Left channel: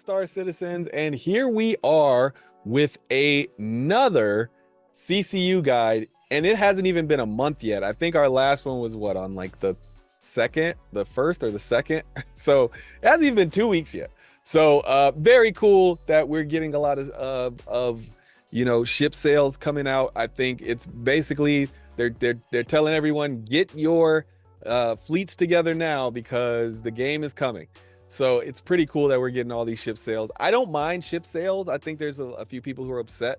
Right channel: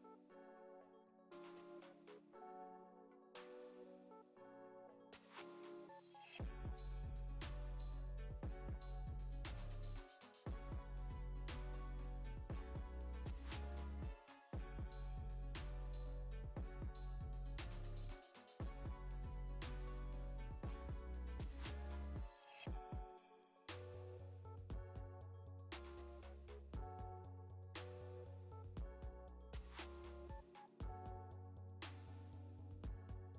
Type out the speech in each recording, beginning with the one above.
Star Citizens, and here we are with another CCU guide, and it hasn't even been a month yet. I think our last one was what, on like the first or the second. So it hasn't even been 2 weeks yet. So very cool that we're getting a lot of ship sales coming out. I think it's basically they're telling everyone, get your fleets together now because the game is coming. So it's pretty cool that we're getting all these ship sales. I don't mind ship sales. I think there's a few people who are upset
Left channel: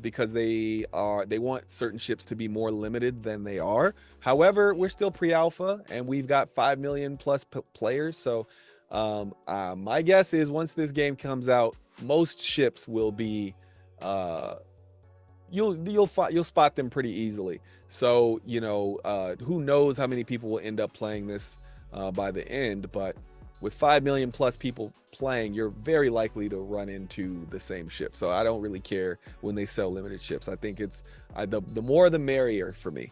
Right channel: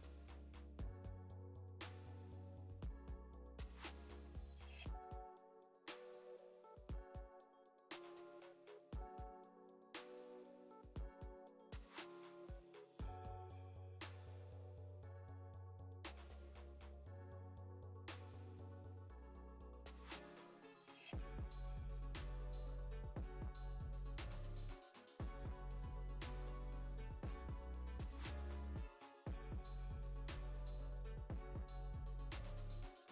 because they want certain ships to be more limited than they are. However, we're still pre-alpha and we've got 5 million plus players. So my guess is once this game comes out, most ships will be you'll spot them pretty easily. So who knows how many people will end up playing this by the end, but with 5 million plus people playing, you're very likely to run into the same ship. So I don't really care when they sell limited ships. I think it's the more the merrier for me.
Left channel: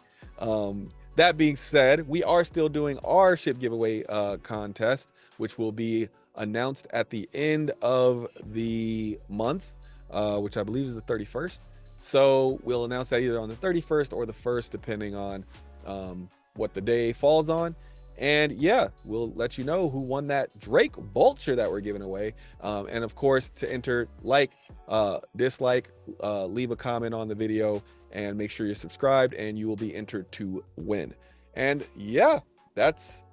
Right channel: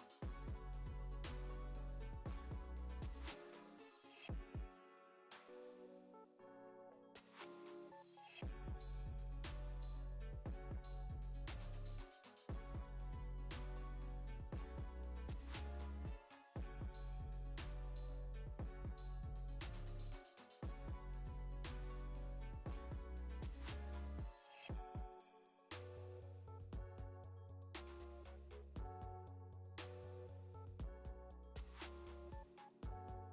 That being said, we are still doing our ship giveaway contest, which will be announced at the end of the month, which I believe is the 31st. So we'll announce that either on the 31st or the 1st, depending on what the day falls on. And yeah, we'll let you know who won that Drake Vulture that we're giving away. And of course, to enter, dislike, leave a comment on the video, and make sure you're subscribed, and you will be entered to win. And yeah, that's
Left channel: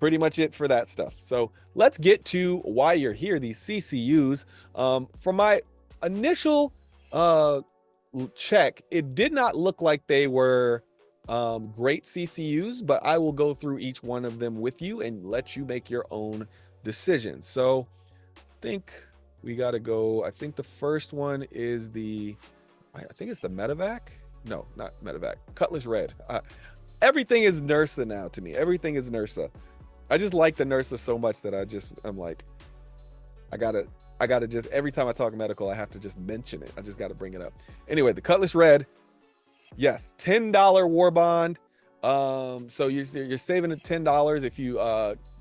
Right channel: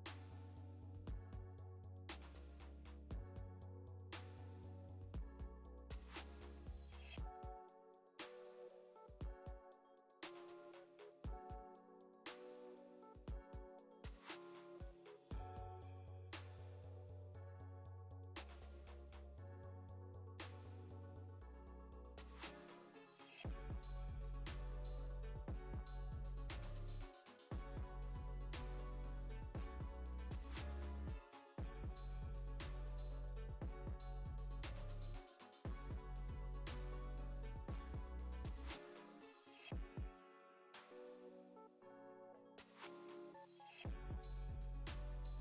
pretty much it for that stuff. So let's get to why you're here, these CCUs. From my initial check, it did not look like they were great CCUs, but I will go through each one of them with you and let you make your own decisions. So I think we got to go. I think the first one is I think it's the Medevac. No, not Medevac. Cutlass Red. Everything is Nursa now to me. Everything is Nursa. I just like the Nursa so much that I'm like, I gotta just, every time I talk medical, I have to just mention it. I just got to bring it up. Anyway, the Cutlass Red. Yes, $10 war bond. So you're saving $10 if you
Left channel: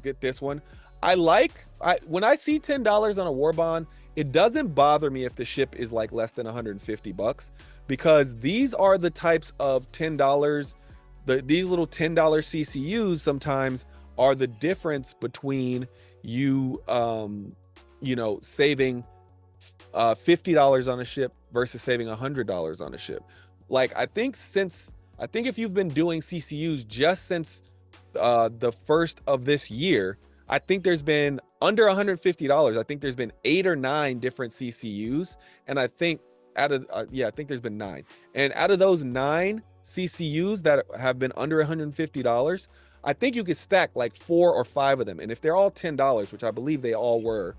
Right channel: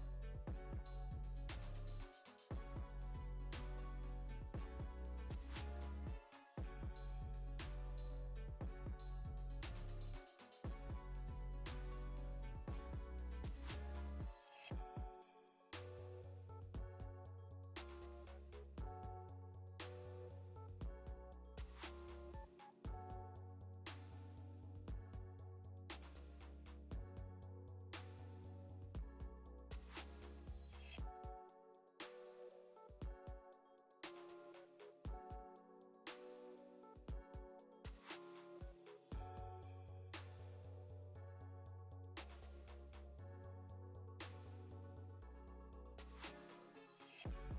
get this one. When I see $10 on a war bond, it doesn't bother me if the ship is like less than 150 bucks, because these are the types of $10. These little $10 CCUs sometimes are the difference between you saving $50 on a ship versus saving $100 on a ship. Like, I think if you've been doing CCUs just since the first of this year, I think there's been under $150. I think there's been 8 or 9 different CCUs, and I think I think there's been 9. And out of those 9 CCUs that have been under $150, I think you could stack like 4 or 5 of them. And if they're all $10, which I believe they all were,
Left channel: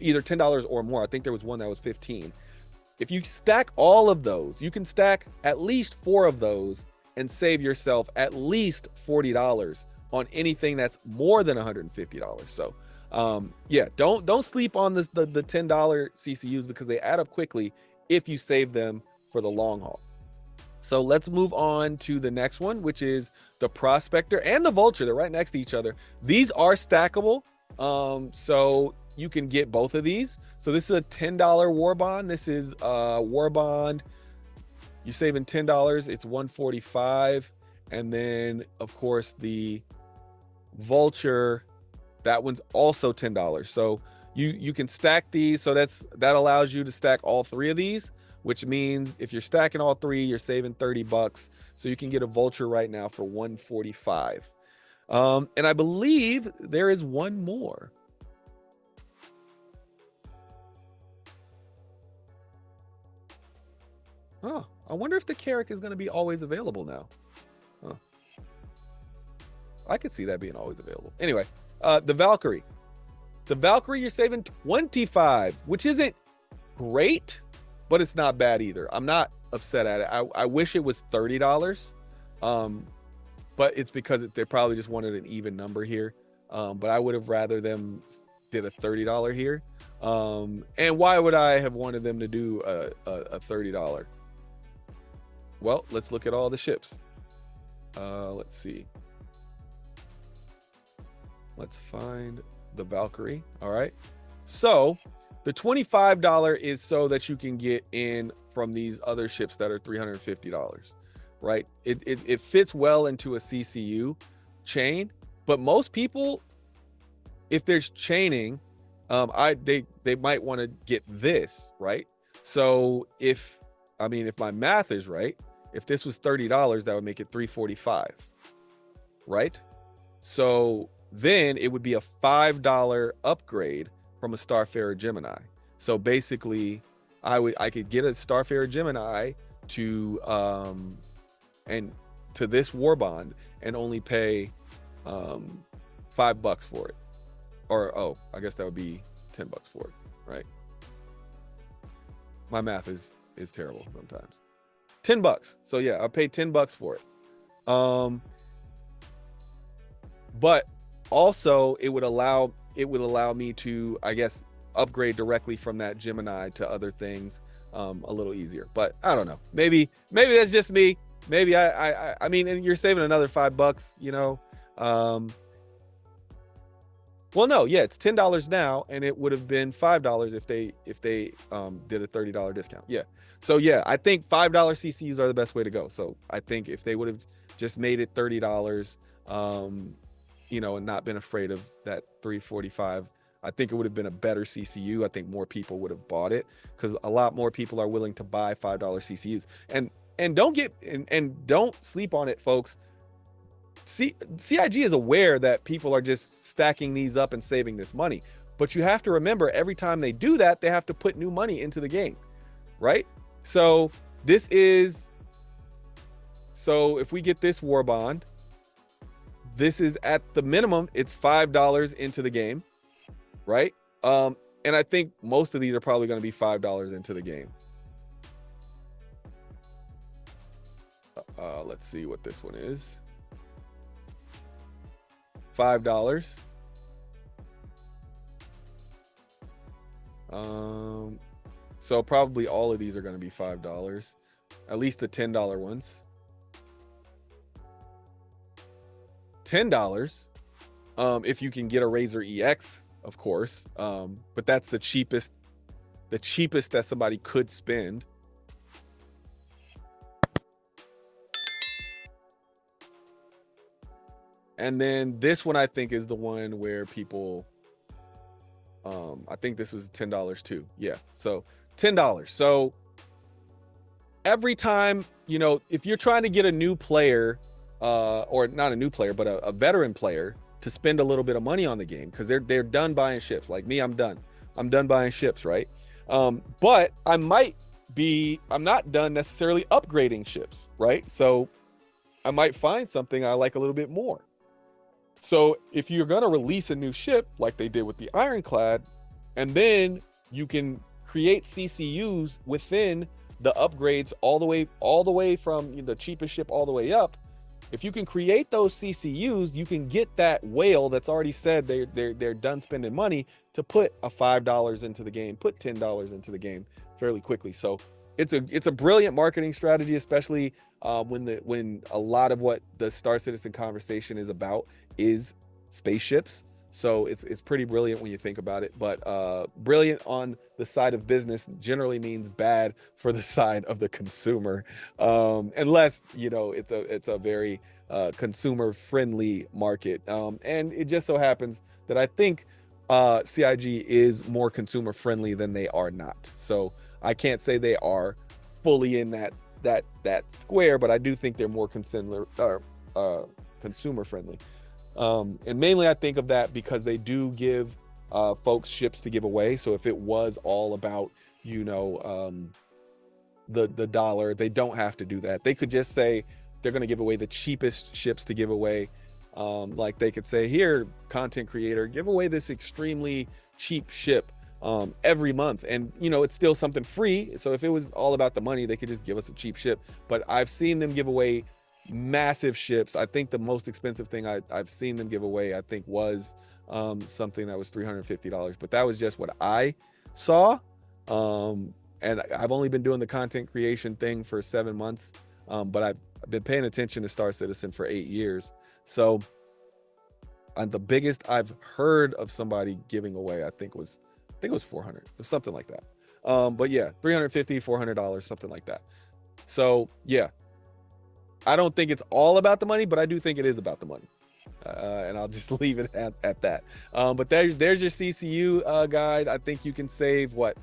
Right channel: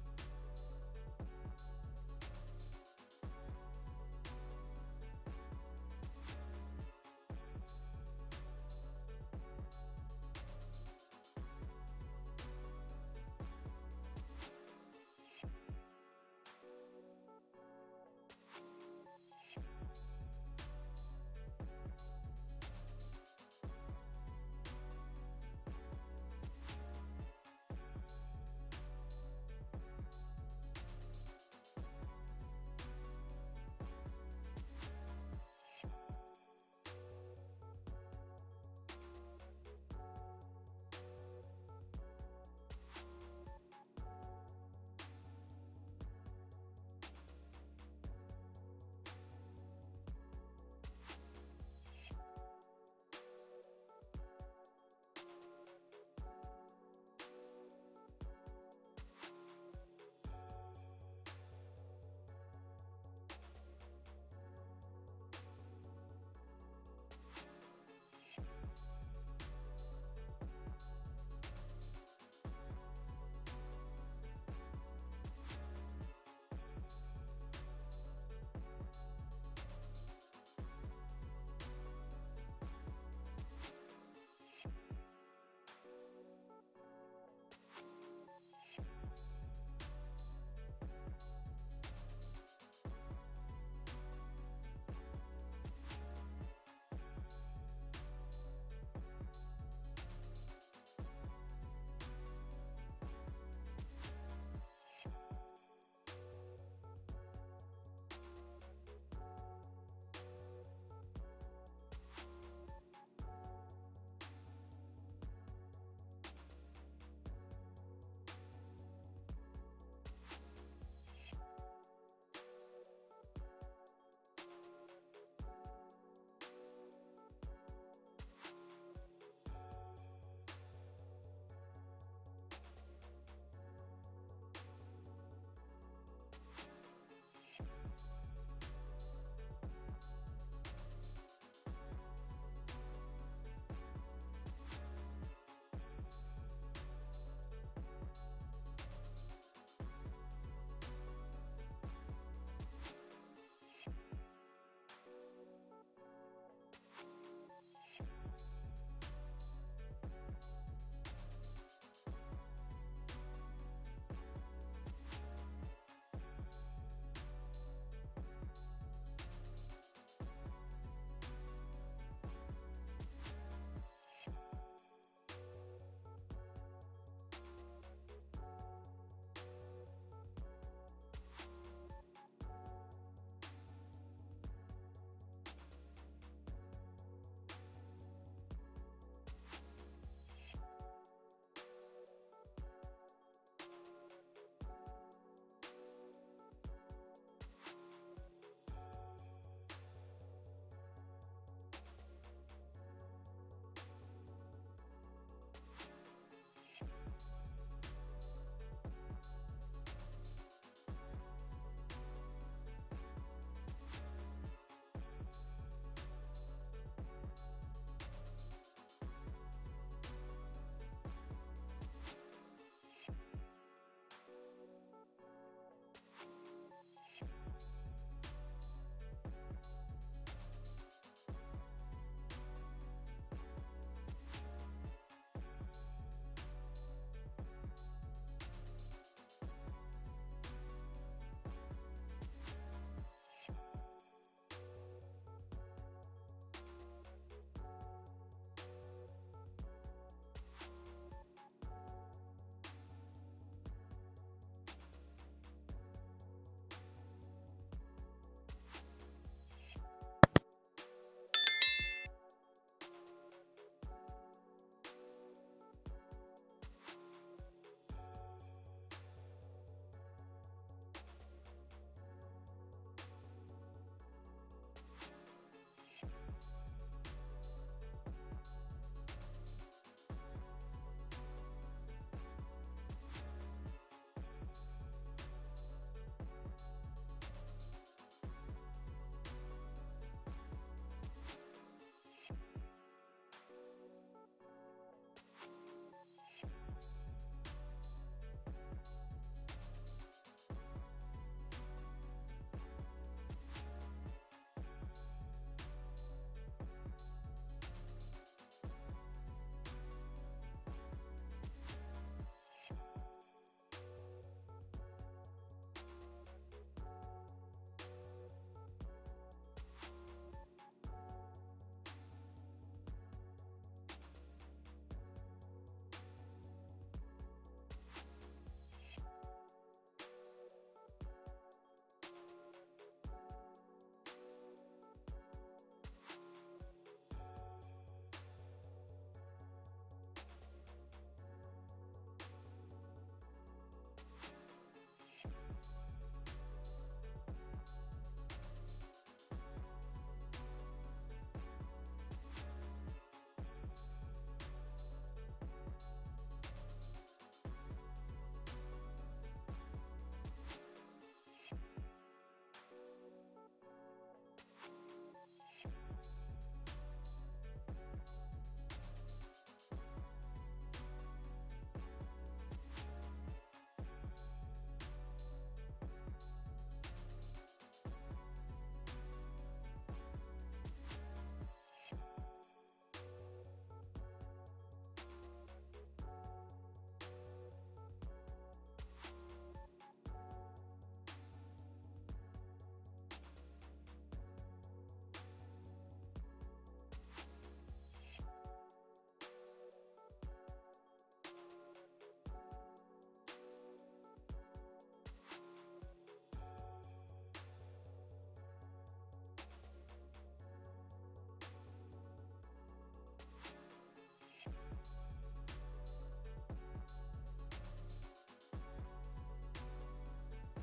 either $10 or more. I think there was one that was 15. If you stack all of those, you can stack at least 4 of those and save yourself at least $40 on anything that's more than $150. So yeah, don't sleep on the $10 CCUs, because they add up quickly if you save them for the long haul. So let's move on to the next one, which is the Prospector and the Vulture. They're right next to each other. These are stackable, so you can get both of these. So this is a $10 war bond. This is war bond. You're saving $10. It's $145. And then of course the Vulture, that one's also $10. So you can stack these. So that allows you to stack all 3 of these, which means if you're stacking all 3, you're saving 30 bucks. So you can get a Vulture right now for $145. And I believe there is one more. Oh, I wonder if the Carrack is going to be always available now. Huh. I could see that being always available. Anyway, the Valkyrie. The Valkyrie, you're saving 25, which isn't great, but it's not bad either. I'm not upset at it. I wish it was $30, but it's because they probably just wanted an even number here. But I would have rather them did a $30 here. And why would I have wanted them to do a $30? Well, let's look at all the ships. Let's see. Let's find the Valkyrie. All right. So The $25 is so that you can get in from these other ships that are $350, right? It fits well into a CCU chain, but most people, if there's chaining, they might want to get this, right? So if, I mean, if my math is right, if this was $30, that would make it 345, right? So then it would be a $5 upgrade from a Starfarer Gemini. So basically, I could get a Starfarer Gemini to and to this war bond and only pay $5 for it. Or oh, I guess that would be $10 for it, right? My math is terrible sometimes. $10. So yeah, I paid $10 for it. But also it would allow me to, I guess, upgrade directly from that Gemini to other things a little easier. But I don't know. Maybe that's just me. Maybe I mean, and you're saving another $5, you know. Well, no, yeah, it's $10 now, and it would have been $5 if they did a $30 discount. Yeah. So yeah, I think $5 CCUs are the best way to go. So I think if they would have just made it $30, you know, and not been afraid of that 345, I think it would have been a better CCU. I think more people would have bought it because a lot more people are willing to buy $5 CCUs. And don't sleep on it, folks. CIG is aware that people are just stacking these up and saving this money, but you have to remember every time they do that, they have to put new money into the game, right? So if we get this war bond, this is at the minimum, it's $5 into the game, right? And I think most of these are probably going to be $5 into the game. Let's see what this one is. $5. So probably all of these are going to be $5, at least the $10 ones. $10 if you can get a Razor EX, of course, but that's the cheapest that somebody could spend. And then this one I think is the one where people I think this was $10 too. Yeah, so $10. So every time, you know, if you're trying to get a new player, or not a new player, but a veteran player to spend a little bit of money on the game, because they're done buying ships. Like me, I'm done buying ships, right? But I'm not done necessarily upgrading ships, right? So I might find something I like a little bit more. So if you're going to release a new ship like they did with the Ironclad, and then you can create CCUs within the upgrades all the way from the cheapest ship all the way up, if you can create those CCUs, you can get that whale that's already said they're done spending money to put a $5 into the game, put $10 into the game fairly quickly. So it's a brilliant marketing strategy, especially when a lot of what the Star Citizen conversation is about is spaceships. So it's pretty brilliant when you think about it. But brilliant on the side of business generally means bad for the side of the consumer, unless it's a very consumer friendly market. And it just so happens that I think CIG is more consumer friendly than they are not. So I can't say they are fully in that square, but I do think they're more consumer friendly. And mainly I think of that because they do give folks ships to give away. So if it was all about the dollar, they don't have to do that. They could just say they're going to give away the cheapest ships to give away. Like they could say, here, content creator, give away this extremely cheap ship every month, and it's still something free. So if it was all about the money, they could just give us a cheap ship. But I've seen them give away massive ships. I think the most expensive thing I've seen them give away, I think, was something that was $350, but that was just what I saw. And I've only been doing the content creation thing for 7 months, but I've been paying attention to Star Citizen for 8 years. So the biggest I've heard of somebody giving away, I think, was think it was 400. It was something like that. But yeah, $350, $400, something like that. So yeah, I don't think it's all about the money, but I do think it is about the money. And I'll just leave it at that. But there's your CCU guide. I think you can save what?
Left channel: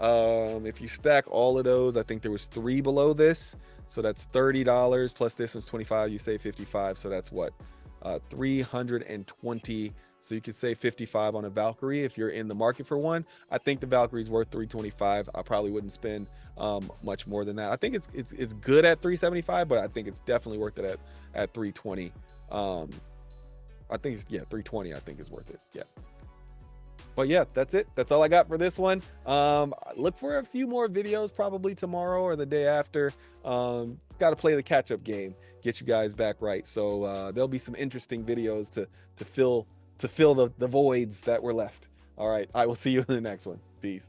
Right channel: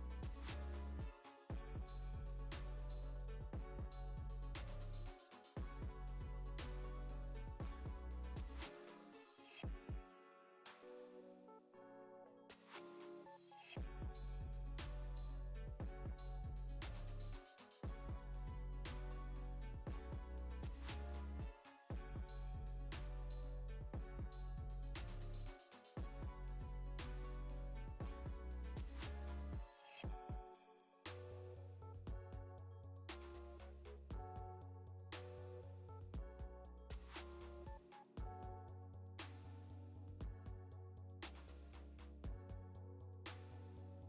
If you stack all of those, I think there was 3 below this. So that's $30 plus this was 25. You save 55. So that's what? 320. So you can save 55 on a Valkyrie if you're in the market for one. I think the Valkyrie's worth 325. I probably wouldn't spend much more than that. I think it's good at 375, but I think it's definitely worth it at 320. I think it's, yeah, 320 I think is worth it. Yeah. But yeah, that's it. That's all I got for this one. Look for a few more videos probably tomorrow or the day after. Got to play the catch-up game, get you guys back right. So there'll be some interesting videos to fill the voids that were left. All right, I will see you in the next one. Peace.